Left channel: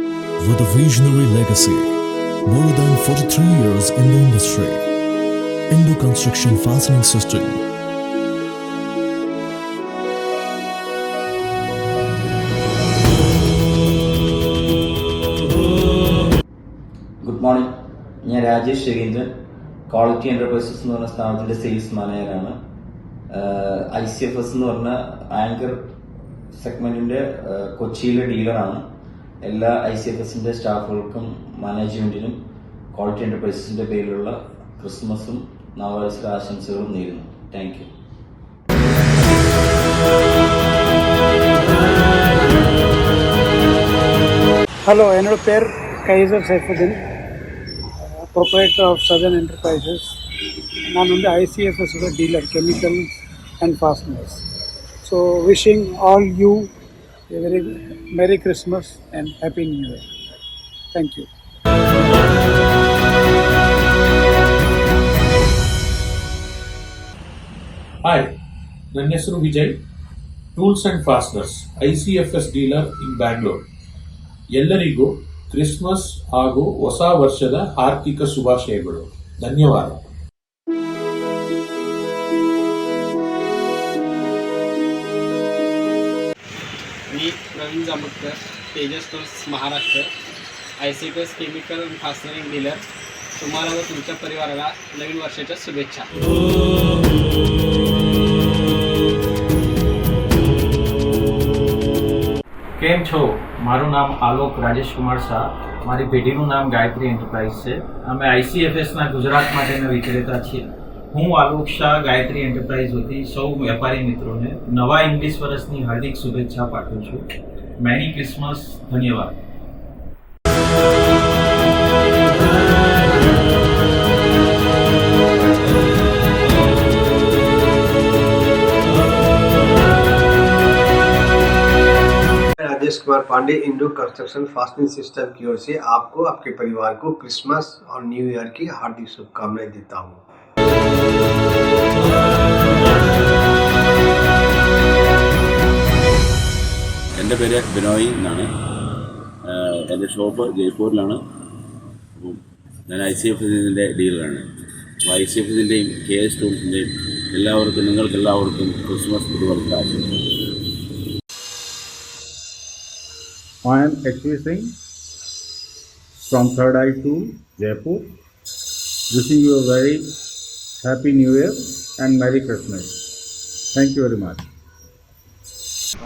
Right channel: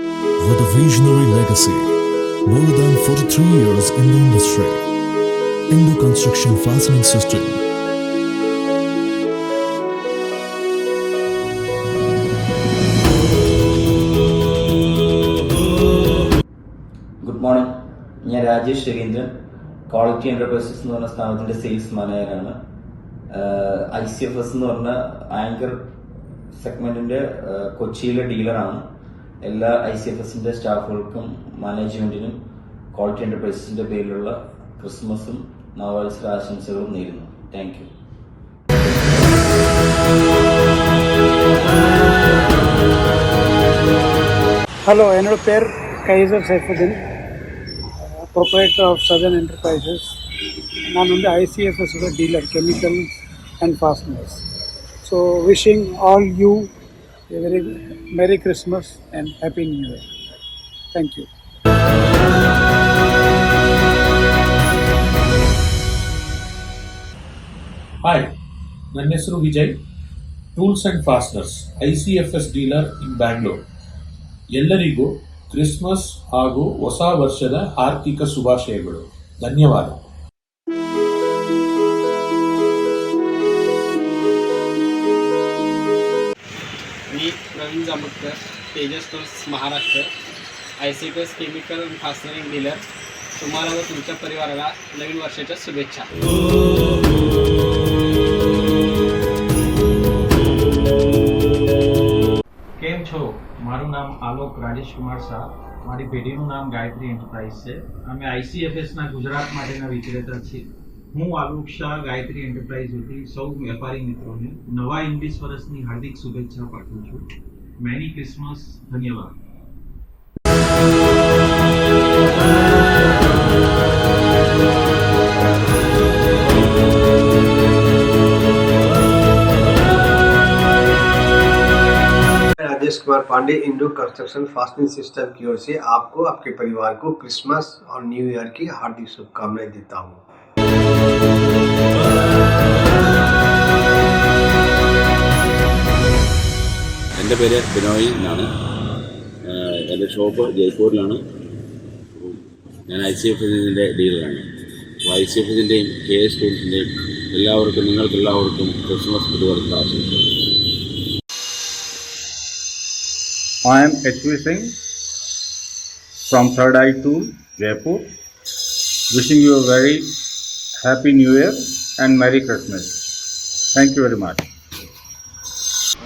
With a visionary legacy, more than 43 years in the industry, Indo Construction Fastening System. Good morning. ഞാൻ Rajesh Raveendran, quality enterprises എന്ന് പറഞ്ഞ സ്ഥാപനത്തിന്റെ sales മാനേജറാണ്. ICFS എന്ന് പറഞ്ഞ ആങ്കർ സെഗ്മെന്റിന്റെ കൊച്ചിയിലെ ഡീലറാണ്. എല്ലാ ICFSന്റെ സ്റ്റാഫുകൾക്കും മാനേജ്മെന്റിനും ക്വാളിറ്റി എന്റർപ്രൈസസിന്റെ പേരിലുള്ള ക്രിസ്മസും നവവത്സര ആശംസകളും നേരുന്നു. Thank you. ഹലോ, എന്നോട് പേര് Kaiser Saifuddin, proprietor of Sadan enterprises. ഞാൻ ICFS dealer, chemical and fasteners. So wishing all you a very Merry Christmas and Happy New Year. Thank you. Hi, ನನ್ನ ಹೆಸರು Vijay, tools and fasteners ICFS dealer in Bangalore. ಎಲ್ಲರಿಗೂ Christmas ಹಾಗೂ ಹೊಸ ವರ್ಷದ ಆರ್ಥಿಕ ಶುಭಾಶಯಗಳು. ಧನ್ಯವಾದ. मी Praveen Jamatkar, Tejas tools Maharashtra, ICFS chemical आणि फास्टनरिंग डीलर. तुम्हाला व तुमच्या परिवाराला नवीन वर्षाच्या शुभेच्छा. કેમ છો? મારું નામ આલોક રાજેશ કુમાર શાહ. મારી પેઢીનું નામ ગાયત્રી એન્ટરપ્રાઇઝ છે. અમે ICFSના ગુજરાત માટેના વિક્રેતા છીએ. હું આલોક શાહ ગાયત્રી એન્ટરપ્રાઇઝ વતી સૌ વેપારી મિત્રોને નવા ઇંગ્લિશ વર્ષની હાર્દિક શુભેચ્છા પાઠવું છું. Merry Christmas. ધન્યવાદ. Rajesh Kumar Pandey, Indo construction fastening system की ओर से आपको, आपके परिवार को क्रिसमस और न्यू ईयर की हार्दिक शुभकामनाएं देता हूँ. എൻ്റെ പേര് ബിനോയ് എന്നാണ്. എൻ്റെ ഷോപ്പ് ജയ്പൂരിലാണ്. ഞാൻ ICFSൻ്റെ ഡീലറാണ്. അപ്പോൾ ICFSൻ്റെയും KS ടൂൾസിൻ്റെയും എല്ലാവർക്കും, നിങ്ങൾക്കെല്ലാവർക്കും ക്രിസ്മസ് പുതുവർഷ ആശംസകൾ. I am HV Singh from Third Eye Tool, Jaipur. Wishing you a very Happy New Year and Merry Christmas. Thank you very much.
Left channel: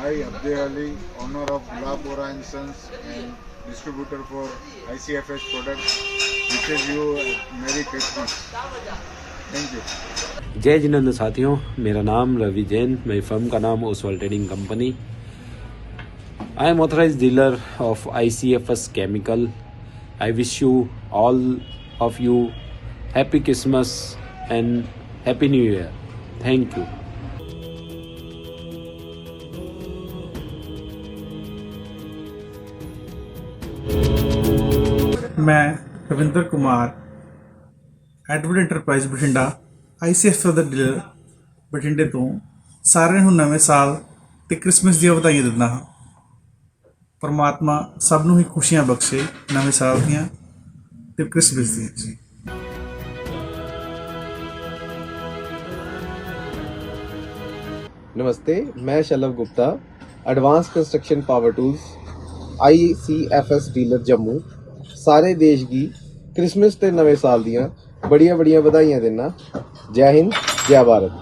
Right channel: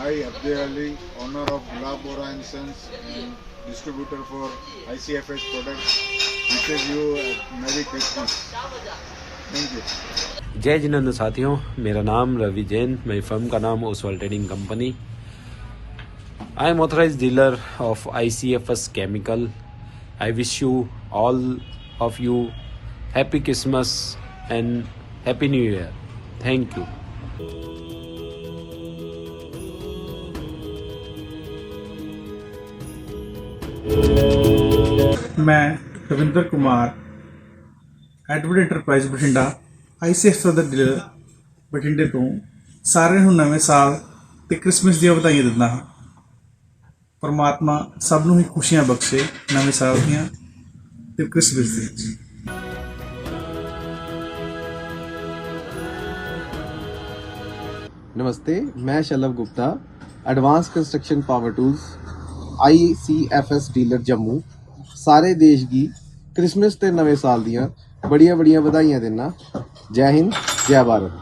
I, Abdul Ali, owner of Gulab Bora & Sons and distributor for ICFS products, wishes you a Merry Christmas. Thank you. जय जिनेंद्र साथियों, मेरा नाम रवि जैन, मेरी firm का नाम Oswal trading company. I am authorized dealer of ICFS Chemical. I wish you all of you Happy Christmas and Happy New Year. Thank you. मैं Ravindra Kumar, Edward enterprise Bathinda, ICFS ਦਾ dealer ਬਠਿੰਡੇ ਤੋਂ ਸਾਰਿਆਂ ਨੂੰ ਨਵੇਂ ਸਾਲ ਤੇ ਕ੍ਰਿਸਮਸ ਦੀਆਂ ਵਧਾਈਆਂ ਦਿੰਦਾ ਹਾਂ. ਪਰਮਾਤਮਾ ਸਭ ਨੂੰ ਹੀ ਖੁਸ਼ੀਆਂ ਬਖਸ਼ੇ ਨਵੇਂ ਸਾਲ ਦੀਆਂ ਤੇ ਕ੍ਰਿਸਮਸ ਦੀਆਂ. नमस्ते, मैं Shalabh Gupta, advance construction power tools ICFS dealer Jammu. सारे देश की क्रिसमस ते नवे साल दियां बड़िया बड़िया बधाइयां देना. जय हिंद, जय भारत.